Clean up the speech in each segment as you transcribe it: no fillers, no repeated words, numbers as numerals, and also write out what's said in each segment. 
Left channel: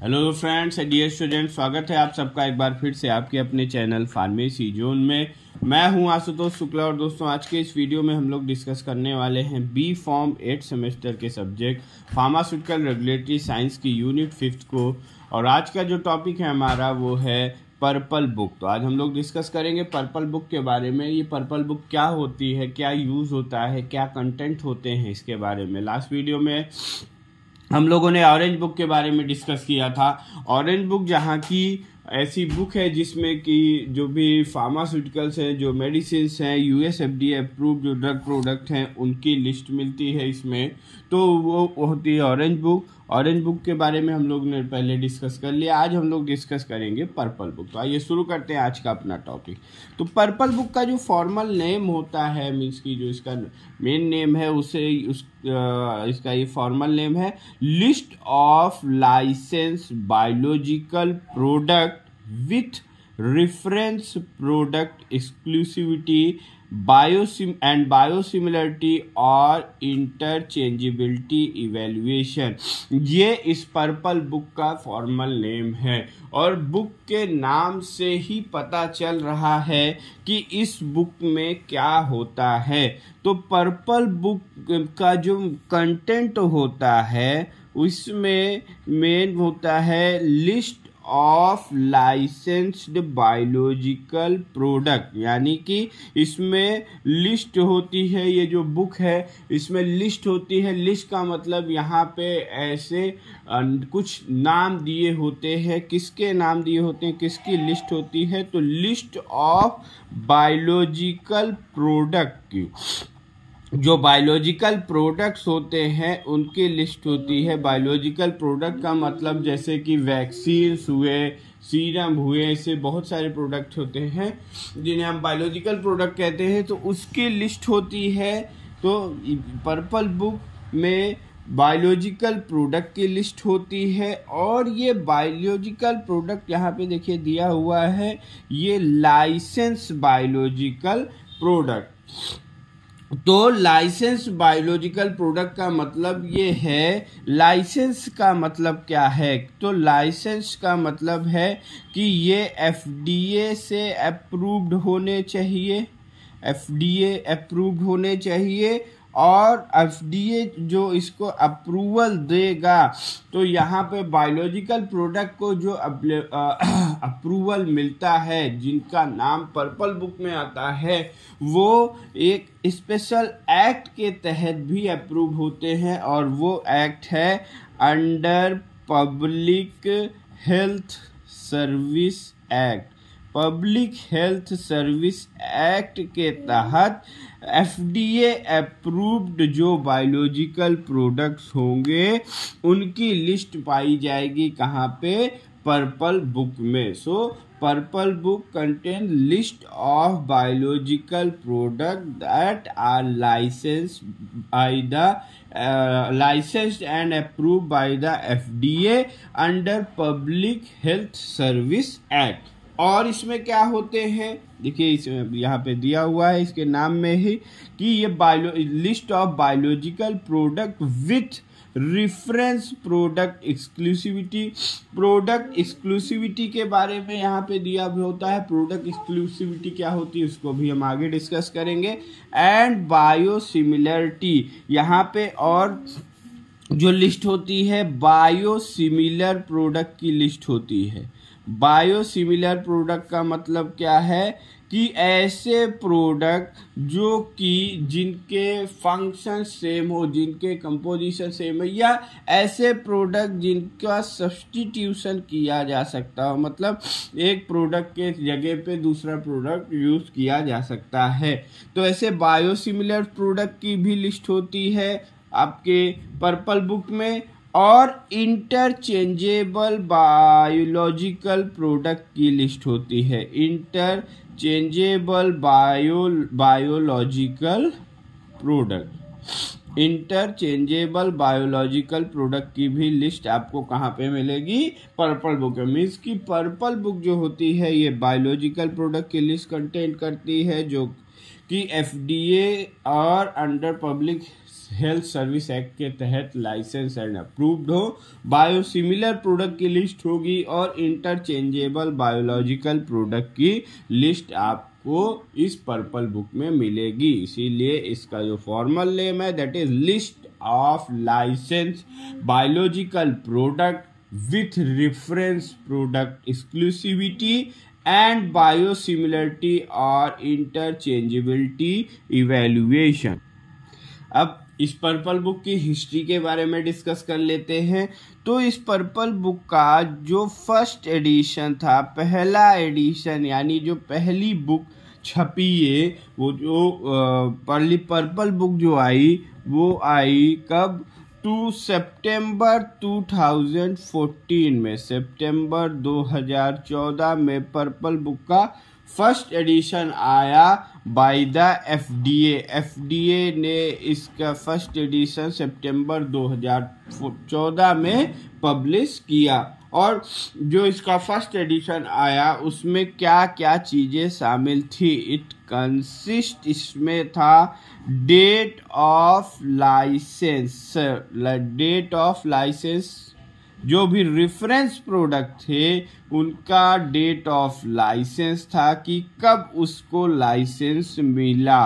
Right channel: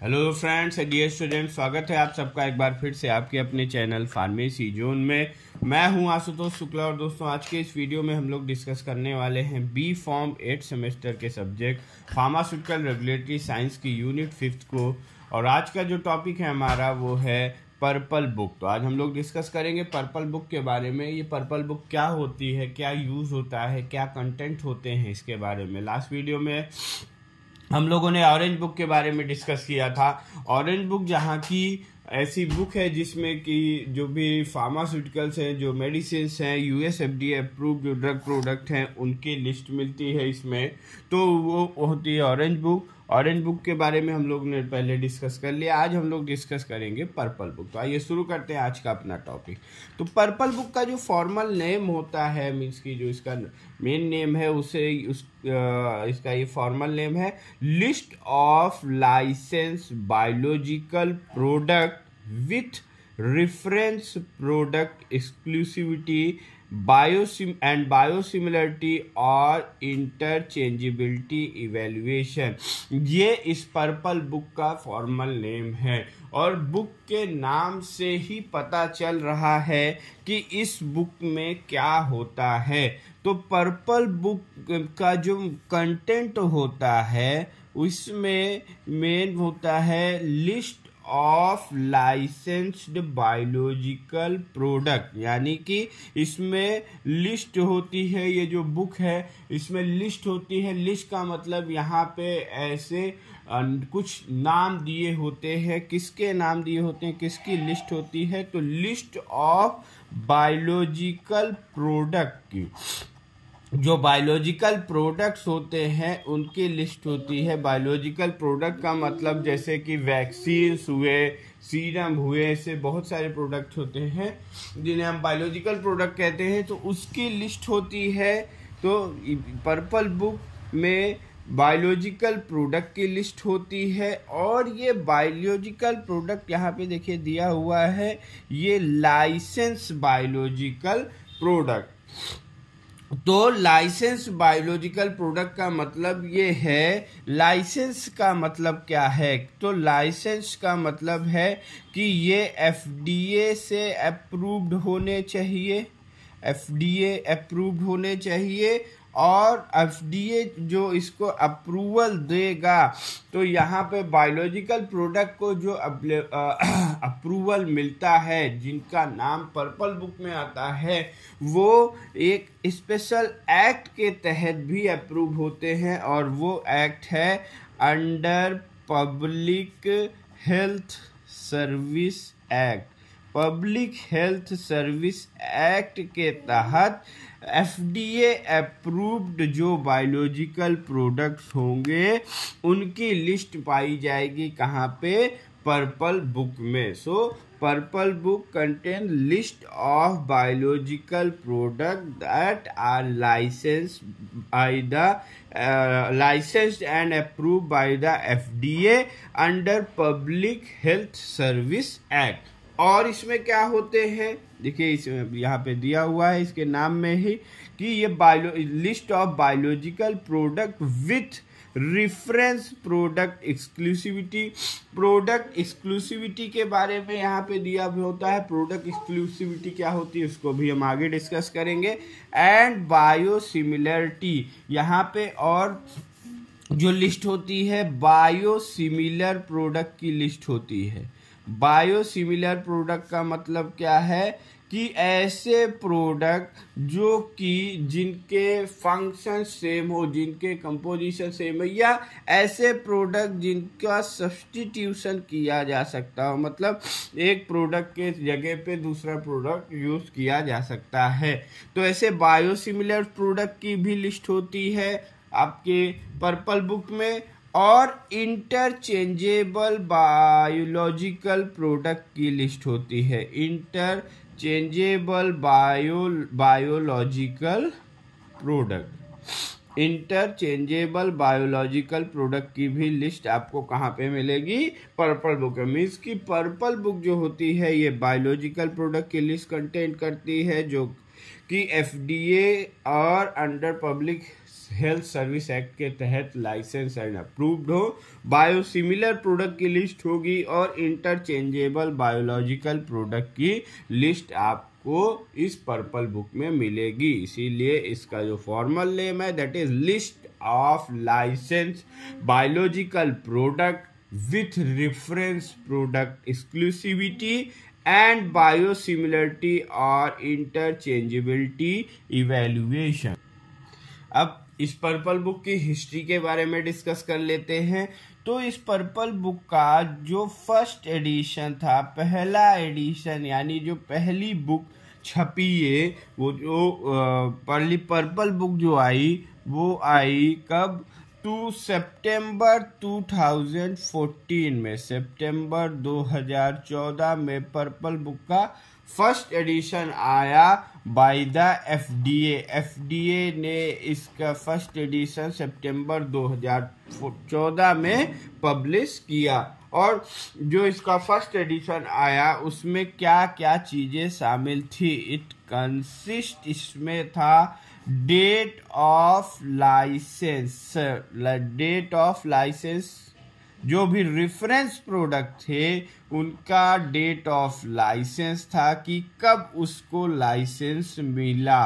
Hello friends, dear student, स्वागत है आप सबका एक बार फिर से आपके अपने चैनल फार्मेसी जोन में। मैं हूं आशुतोष शुक्ला और दोस्तों आज के इस वीडियो में हम लोग डिस्कस करने वाले हैं बी फॉर्म 8 सेमेस्टर के सब्जेक्ट फार्मास्यूटिकल रेगुलेटरी साइंस की यूनिट 5 को। और आज का जो टॉपिक है हमारा वो है पर्पल बुक। तो आज हम लोग डिस्कस करेंगे पर्पल बुक के बारे में। ये पर्पल बुक क्या होती है, क्या यूज़ होता है, क्या कंटेंट होते हैं, इसके बारे में। लास्ट वीडियो में हम लोगों ने ऑरेंज बुक के बारे में डिस्कस किया था। ऑरेंज बुक जहाँ की ऐसी बुक है जिसमें कि जो भी फार्मास्यूटिकल्स हैं, जो मेडिसिन हैं, यूएस एफडीए अप्रूव्ड जो ड्रग प्रोडक्ट हैं, उनकी लिस्ट मिलती है इसमें। तो वो होती है ऑरेंज बुक। ऑरेंज बुक के बारे में हम लोग ने पहले डिस्कस कर लिया। आज हम लोग डिस्कस करेंगे पर्पल बुक। तो आइए शुरू करते हैं आज का अपना टॉपिक। तो पर्पल बुक का जो फॉर्मल नेम होता है, मीन्स की जो इसका मेन नेम है इसका ये फॉर्मल नेम है list of licence biological product with reference product exclusivity biosimilarity और इंटरचेंजेबिलिटी इवेल्युएशन। ये इस पर्पल बुक का फॉर्मल नेम है और बुक के नाम से ही पता चल रहा है कि इस बुक में क्या होता है। तो पर्पल बुक का जो कंटेंट होता है उसमें मेन होता है list of licensed biological product, यानी कि इसमें लिस्ट होती है। ये जो बुक है इसमें लिस्ट होती है। लिस्ट का मतलब यहाँ पे ऐसे कुछ नाम दिए होते हैं। किसके नाम दिए होते हैं, किसकी लिस्ट होती है? तो लिस्ट ऑफ बायोलॉजिकल प्रोडक्ट की, जो बायोलॉजिकल प्रोडक्ट्स होते हैं उनकी लिस्ट होती है। बायोलॉजिकल प्रोडक्ट का मतलब जैसे कि वैक्सीन्स हुए, सीरम हुए, ऐसे बहुत सारे प्रोडक्ट होते हैं जिन्हें हम बायोलॉजिकल प्रोडक्ट कहते हैं, तो उसकी लिस्ट होती है। तो पर्पल बुक में बायोलॉजिकल प्रोडक्ट की लिस्ट होती है। और ये बायोलॉजिकल प्रोडक्ट यहाँ पे देखिए दिया हुआ है, ये लाइसेंस बायोलॉजिकल प्रोडक्ट। तो लाइसेंस बायोलॉजिकल प्रोडक्ट का मतलब ये है, लाइसेंस का मतलब क्या है? तो लाइसेंस का मतलब है कि ये एफडीए से अप्रूव्ड होने चाहिए, एफडीए अप्रूव्ड होने चाहिए। और एफडीए जो इसको अप्रूवल देगा, तो यहाँ पे बायोलॉजिकल प्रोडक्ट को जो अप्रूवल मिलता है, जिनका नाम पर्पल बुक में आता है, वो एक स्पेशल एक्ट के तहत भी अप्रूव होते हैं। और वो एक्ट है under public health service act. Public health service act के तहत एफडीए अप्रूव्ड जो बायोलॉजिकल प्रोडक्ट्स होंगे उनकी लिस्ट पाई जाएगी कहाँ पे? पर्पल बुक में। So purple book contain list of biological product that are licensed and approved by the FDA under Public Health Service Act। और इसमें क्या होते हैं देखिए, इसमें यहाँ पे दिया हुआ है इसके नाम में ही कि ये list of biological product with reference product exclusivity. Product exclusivity के बारे में यहाँ पे दिया भी होता है। प्रोडक्ट एक्सक्लूसिविटी क्या होती है उसको भी हम आगे डिस्कस करेंगे। एंड बायोसिमिलरिटी, यहाँ पे और जो लिस्ट होती है बायोसिमिलर प्रोडक्ट की लिस्ट होती है। बायोसिमिलर प्रोडक्ट का मतलब क्या है कि ऐसे प्रोडक्ट जो कि जिनके फंक्शन सेम हो, जिनके कंपोजिशन सेम हो, या ऐसे प्रोडक्ट जिनका सब्स्टिट्यूशन किया जा सकता हो, मतलब एक प्रोडक्ट के जगह पे दूसरा प्रोडक्ट यूज किया जा सकता है। तो ऐसे बायोसिमिलर प्रोडक्ट की भी लिस्ट होती है आपके पर्पल बुक में। और इंटरचेंजेबल बायोलॉजिकल प्रोडक्ट की लिस्ट होती है। Interchangeable biological product, interchangeable biological product की भी लिस्ट आपको कहाँ पे मिलेगी? पर्पल बुक में। मीन्स की पर्पल बुक जो होती है ये बायोलॉजिकल प्रोडक्ट की लिस्ट कंटेन करती है, जो कि FDA और under public health service act के तहत लाइसेंस एंड अप्रूव्ड हो। बायोसिमिलर प्रोडक्ट की लिस्ट होगी और इंटरचेंजेबल बायोलॉजिकल प्रोडक्ट की लिस्ट आपको इस पर्पल बुक में मिलेगी। इसीलिए इसका जो फॉर्मल नेम है that is list of licence biological product with reference product exclusivity and biosimilarity or interchangeability evaluation। अब इस पर्पल बुक की हिस्ट्री के बारे में डिस्कस कर लेते हैं। तो इस पर्पल बुक का जो फर्स्ट एडिशन था, पहला एडिशन यानी जो पहली बुक छपी है, वो जो पहली पर्पल बुक जो आई वो आई कब? सितंबर 2014 में, सितंबर 2014 में पर्पल बुक का फर्स्ट एडिशन आया बाय द FDA ने इसका फर्स्ट एडिशन सितंबर 2014 में पब्लिश किया। और जो इसका फर्स्ट एडिशन आया उसमें क्या क्या चीज़ें शामिल थी? इट कंसिस्ट, इसमें था डेट ऑफ लाइसेंस, जो भी रेफरेंस प्रोडक्ट थे उनका डेट ऑफ लाइसेंस था कि कब उसको लाइसेंस मिला।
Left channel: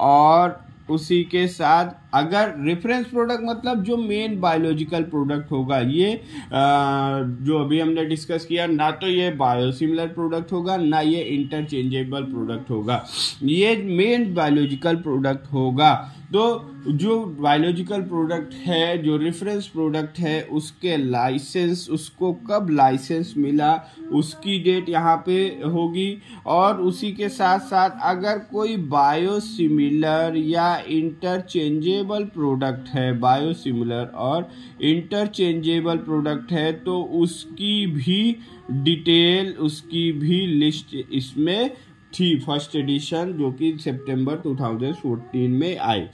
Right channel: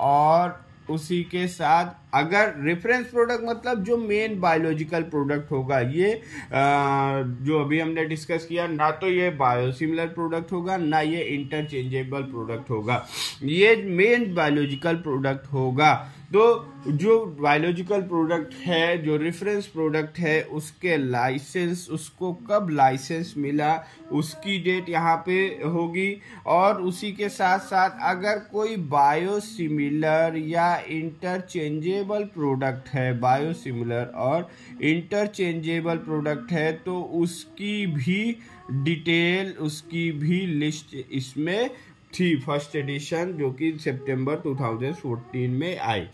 और उसी के साथ अगर रेफरेंस प्रोडक्ट मतलब जो मेन बायोलॉजिकल प्रोडक्ट होगा, ये जो अभी हमने डिस्कस किया, ना तो ये बायोसिमिलर प्रोडक्ट होगा ना ये इंटरचेंजेबल प्रोडक्ट होगा, ये मेन बायोलॉजिकल प्रोडक्ट होगा। तो जो बायोलॉजिकल प्रोडक्ट है, जो रेफरेंस प्रोडक्ट है, उसके लाइसेंस, उसको कब लाइसेंस मिला उसकी डेट यहाँ पे होगी। और उसी के साथ साथ अगर कोई बायोसिमिलर या इंटरचेंजेबल प्रोडक्ट है, बायोसिमिलर और इंटरचेंजेबल प्रोडक्ट है, तो उसकी भी डिटेल, उसकी भी लिस्ट इसमें थी फर्स्ट एडिशन, जो कि सितंबर 2014 में आई।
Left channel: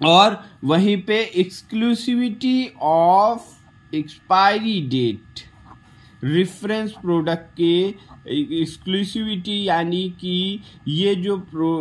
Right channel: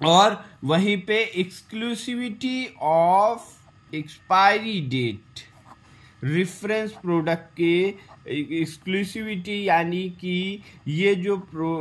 और वहीं पे exclusivity of expiry date, reference product के एक्सक्लूसिविटी यानी कि ये जो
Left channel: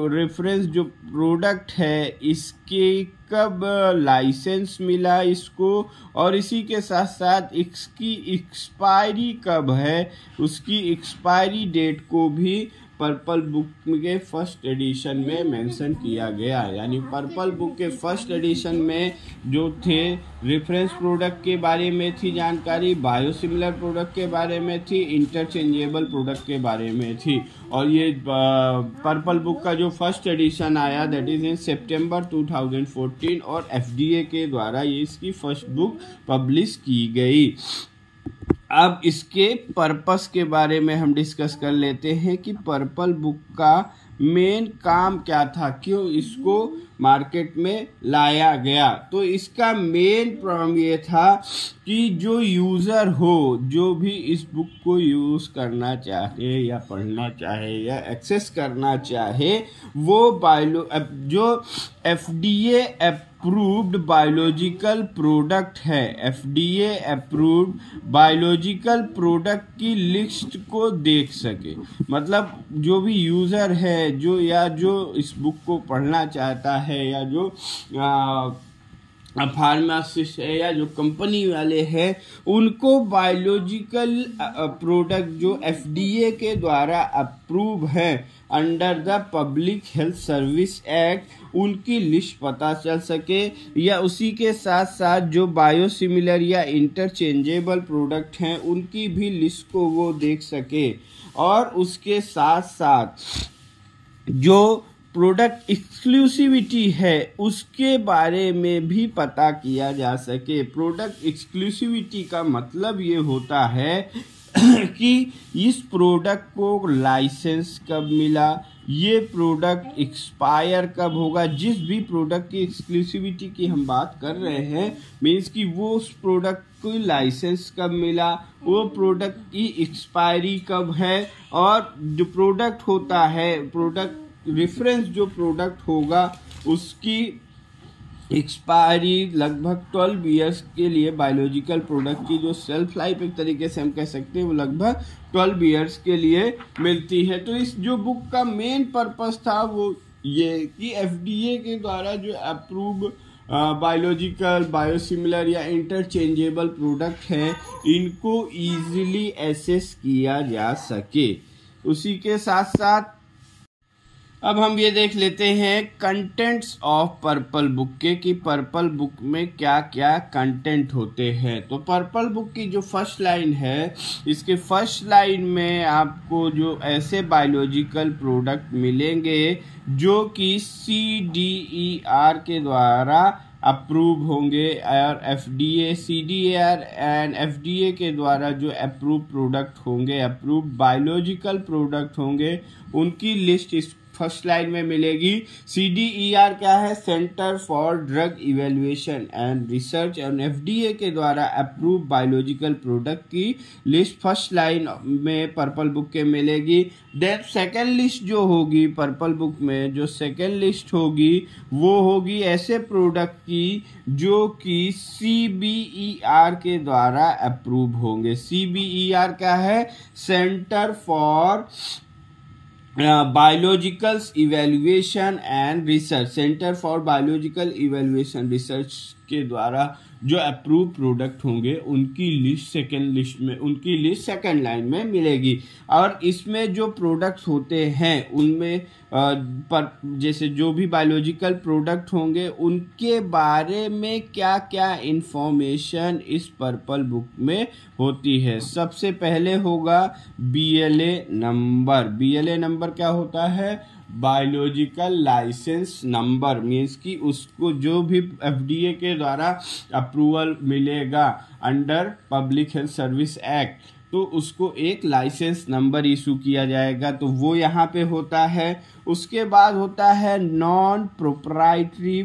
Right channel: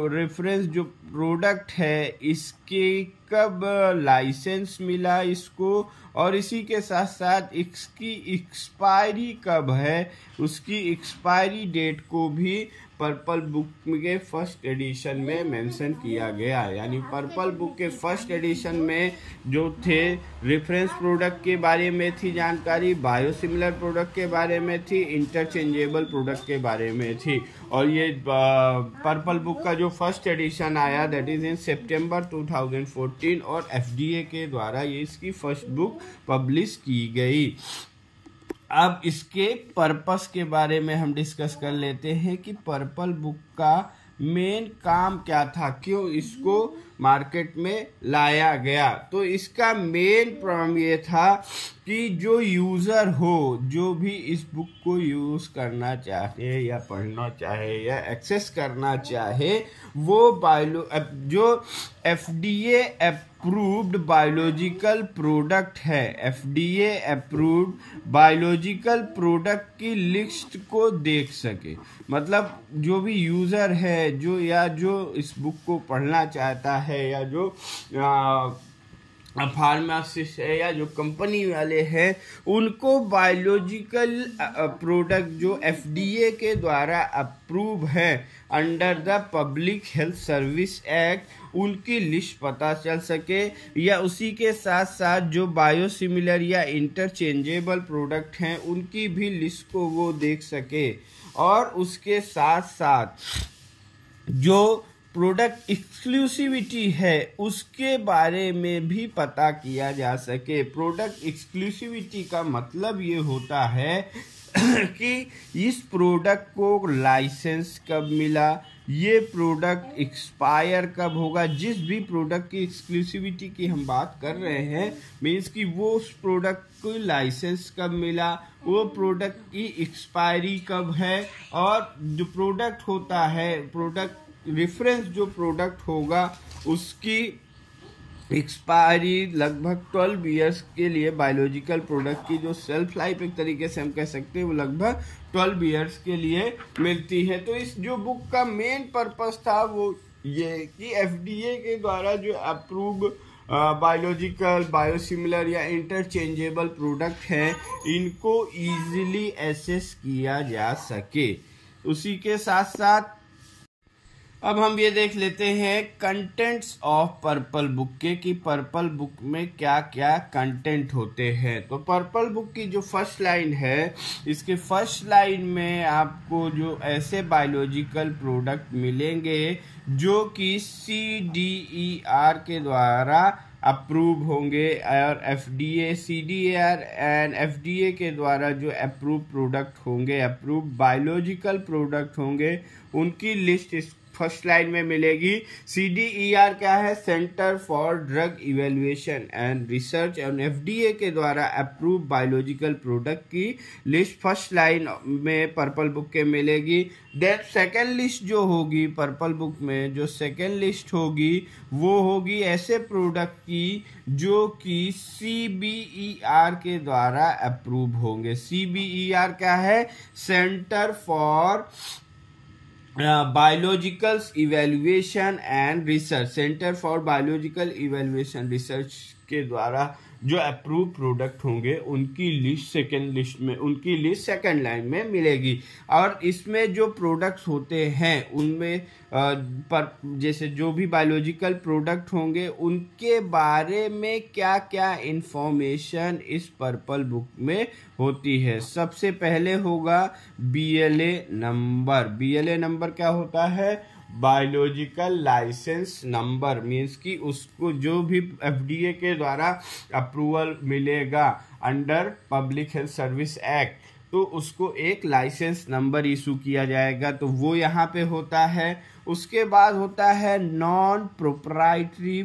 रेफरेंस जो प्रोडक्ट है इसके कब लाइसेंस मिला इसको, और इसी के साथ साथ इसकी एक्सपायरी कब है, उसकी एक्सपायरी डेट को भी पर्पल बुक के फर्स्ट एडिशन में मेंशन किया गया। यानी पर्पल बुक के फर्स्ट एडिशन में जो थे रेफरेंस प्रोडक्ट के बारे में थी जानकारी, बायोसिमिलर प्रोडक्ट के बारे में थी, इंटरचेंजेबल प्रोडक्ट के बारे में थी। और ये पर्पल बुक का जो फर्स्ट एडिशन आया दैट इज इन सितंबर 2014 और FDA के द्वारा ये इसकी फर्स्ट बुक पब्लिश की गई। अब इसके पर्पस के बारे में हम डिस्कस कर लेते हैं कि पर्पल बुक का मेन काम क्या था, क्यों इसको मार्केट में लाया गया। तो इसका मेन प्रॉब्लम ये था कि जो यूज़र हो, जो भी इस बुक को यूज़ करना चाहे या पढ़ना चाहे या एक्सेस करना चाहे, वो जो FDA अप्रूव्ड बायोलॉजिकल प्रोडक्ट है, FDA अप्रूव्ड बायोलॉजिकल प्रोडक्ट की लिस्ट को देख सके। मतलब जो भी यूज़र है, जो इस बुक को पढ़ना चाहता है, या जो फार्मासिस्ट है या जो कंपनी वाले हैं, उनको बायोलॉजिकल प्रोडक्ट जो FDA के द्वारा अप्रूव है under the public health service act, उनकी लिस्ट पता चल सके, या उसी के साथ साथ जो बायोसिमिलर या इंटरचेंजेबल प्रोडक्ट हैं उनकी भी लिस्ट को वो देख सके। और उसके साथ साथ जो प्रोडक्ट एक्सक्लूसिविटी है उसके बारे में भी पता किया जा सके। प्रोडक्ट एक्सक्लूसिविटी का मतलब ये होता है कि इस प्रोडक्ट को लाइसेंस कब मिला, ये प्रोडक्ट एक्सपायर कब होगा। जिस भी प्रोडक्ट की एक्सक्लूसिविटी की हम बात कर रहे हैं, मीन्स कि वो उस प्रोडक्ट को लाइसेंस कब मिला, वो प्रोडक्ट की एक्सपायरी कब है, और जो प्रोडक्ट होता है, प्रोडक्ट रेफरेंस जो प्रोडक्ट होगा उसकी एक्सपायरी लगभग 12 ईयर्स के लिए, बायोलॉजिकल प्रोडक्ट की जो सेल्फ लाइफ एक तरीके से हम कह सकते हैं वो लगभग 12 ईयर्स के लिए मिलती है। तो इस जो बुक का मेन पर्पस था वो ये कि एफडीए के द्वारा जो अप्रूव बायोलॉजिकल, बायोसिमिलर या इंटरचेंजेबल प्रोडक्ट है, इनको इजीली एसेस किया जा सके। उसी के साथ साथ अब हम ये देख लेते हैं कंटेंट्स ऑफ पर्पल बुक के, कि पर्पल बुक में क्या क्या कंटेंट होते हैं। तो पर्पल बुक की जो फर्स्ट लाइन है, इसके फर्स्ट लाइन में आपको जो ऐसे बायोलॉजिकल प्रोडक्ट मिलेंगे जो कि CDER के द्वारा अप्रूव होंगे, और FDA, CDER एंड FDA के द्वारा जो अप्रूव प्रोडक्ट होंगे, अप्रूव बायोलॉजिकल प्रोडक्ट होंगे, उनकी लिस्ट इस फर्स्ट लाइन में मिलेगी। CDER क्या है? Centre for drug evaluation and research, and FDA के द्वारा अप्रूव बायोलॉजिकल प्रोडक्ट की लिस्ट फर्स्ट लाइन में पर्पल बुक के मिलेगी। देन सेकेंड लिस्ट जो होगी पर्पल बुक में, जो सेकेंड लिस्ट होगी वो होगी ऐसे प्रोडक्ट की जो कि CBER के द्वारा अप्रूव होंगे। CBER क्या है? Centre for biological evaluation and research, centre for biological evaluation research के द्वारा जो अप्रूव प्रोडक्ट होंगे उनकी लिस्ट सेकंड लाइन में मिलेगी। और इसमें जो प्रोडक्ट्स होते हैं उनमें जैसे जो भी बायोलॉजिकल प्रोडक्ट होंगे उनके बारे में क्या क्या इंफॉर्मेशन इस पर्पल बुक में होती है। सबसे पहले होगा BLA नंबर। BLA नंबर क्या होता है? बायोलॉजिकल लाइसेंस नंबर, मीन्स कि उसको जो भी FDA के द्वारा अप्रूवल मिलेगा under public health service act, तो उसको एक लाइसेंस नंबर इशू किया जाएगा, तो वो यहाँ पे होता है। उसके बाद होता है non proprietary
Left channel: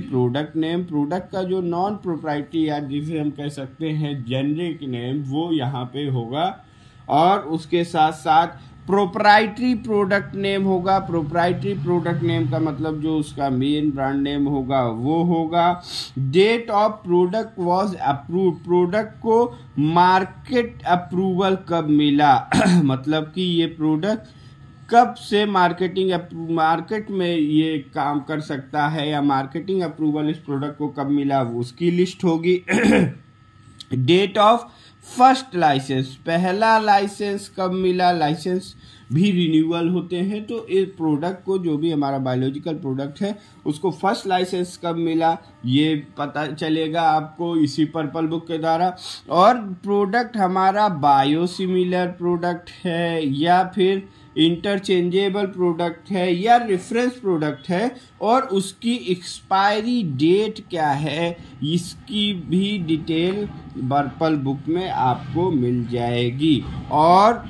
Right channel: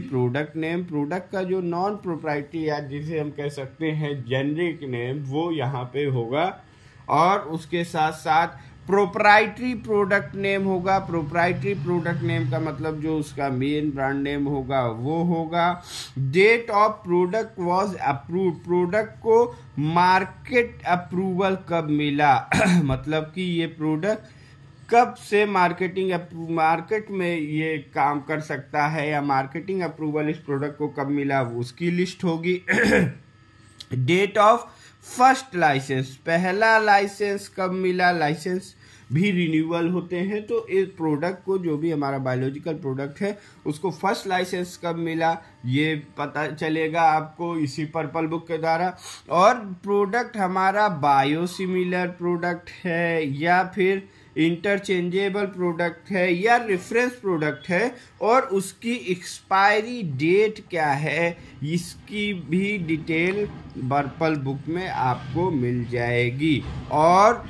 product name. Product का जो नॉन प्रोप्राइटरी या जिसे हम कह सकते हैं जेनरिक नेम, वो यहाँ पे होगा। और उसके साथ साथ प्रोप्राइटरी प्रोडक्ट नेम होगा। प्रोप्राइटरी प्रोडक्ट नेम का मतलब जो उसका मेन ब्रांड नेम होगा वो होगा। Date of product was approved, product को मार्केट अप्रूवल कब मिला मतलब कि ये प्रोडक्ट कब से मार्केट में ये काम कर सकता है, या मार्केटिंग अप्रूवल इस प्रोडक्ट को कब मिला, उसकी लिस्ट होगी। डेट ऑफ फर्स्ट लाइसेंस, पहला लाइसेंस कब मिला, लाइसेंस भी रिन्यूअल होते हैं, तो इस प्रोडक्ट को जो भी हमारा बायोलॉजिकल प्रोडक्ट है उसको फर्स्ट लाइसेंस कब मिला ये पता चलेगा आपको इसी पर्पल बुक के द्वारा। और प्रोडक्ट हमारा बायोसिमिलर प्रोडक्ट है या फिर इंटरचेंजेबल प्रोडक्ट है या रेफरेंस प्रोडक्ट है, और उसकी एक्सपायरी डेट क्या है, इसकी भी डिटेल पर्पल बुक में आपको मिल जाएगी। और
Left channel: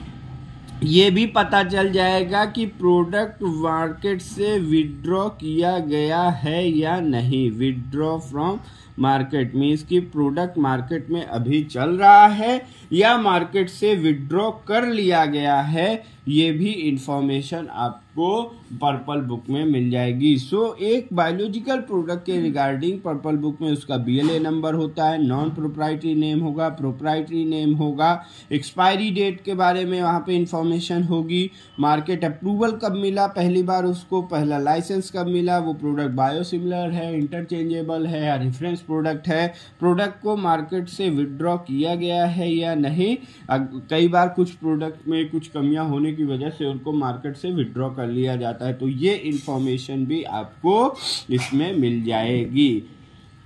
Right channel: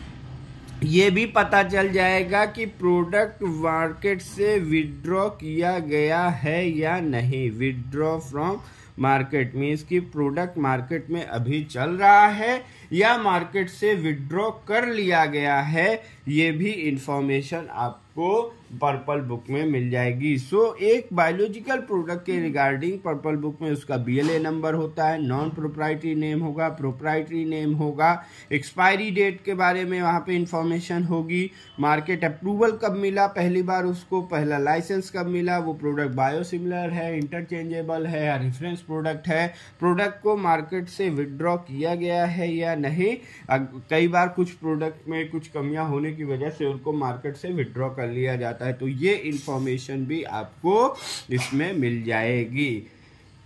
ये भी पता चल जाएगा कि प्रोडक्ट मार्केट से विड्रॉ किया गया है या नहीं। विड्रॉ फ्रॉम मार्केट मीन्स कि प्रोडक्ट मार्केट में अभी चल रहा है या मार्केट से विड्रॉ कर लिया गया है, ये भी इंफॉर्मेशन आपको पर्पल बुक में मिल जाएगी। सो एक बायोलॉजिकल प्रोडक्ट के रिगार्डिंग पर्पल बुक में उसका BLA नंबर होता है, नॉन प्रोप्राइटरी नेम होगा, प्रोप्राइटरी नेम होगा, एक्सपायरी डेट के बारे में वहाँ पे इंफॉर्मेशन होगी, मार्केट अप्रूवल कब मिला पहली बार उसको, पहला लाइसेंस कब मिला, वो प्रोडक्ट बायोसिमिलर है, इंटरचेंजेबल है या रेफरेंस प्रोडक्ट है, प्रोडक्ट को मार्केट से विड्रॉ किया गया है या नहीं। कई बार कुछ प्रोडक्ट में कुछ कमियां होने की वजह से उनको मार्केट से विड्रॉ कर लिया जाता है, तो ये इंफॉर्मेशन भी आपको इसमें मिल जाएगी।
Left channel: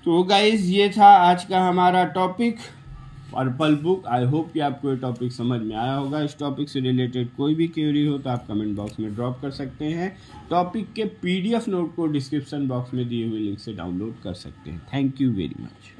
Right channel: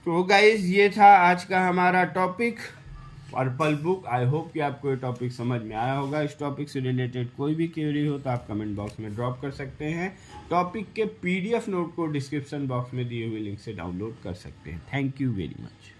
तो गाइज ये था आज का हमारा topic purple book. I hope कि आपको ये टॉपिक समझ में आया होगा। इस टॉपिक से रिलेटेड कोई भी क्वेरी हो तो आप कमेंट बॉक्स में ड्रॉप कर सकते हैं। टॉपिक के PDF नोट को डिस्क्रिप्शन बॉक्स में दिए हुए लिंक से डाउनलोड कर सकते हैं। Thank you very much.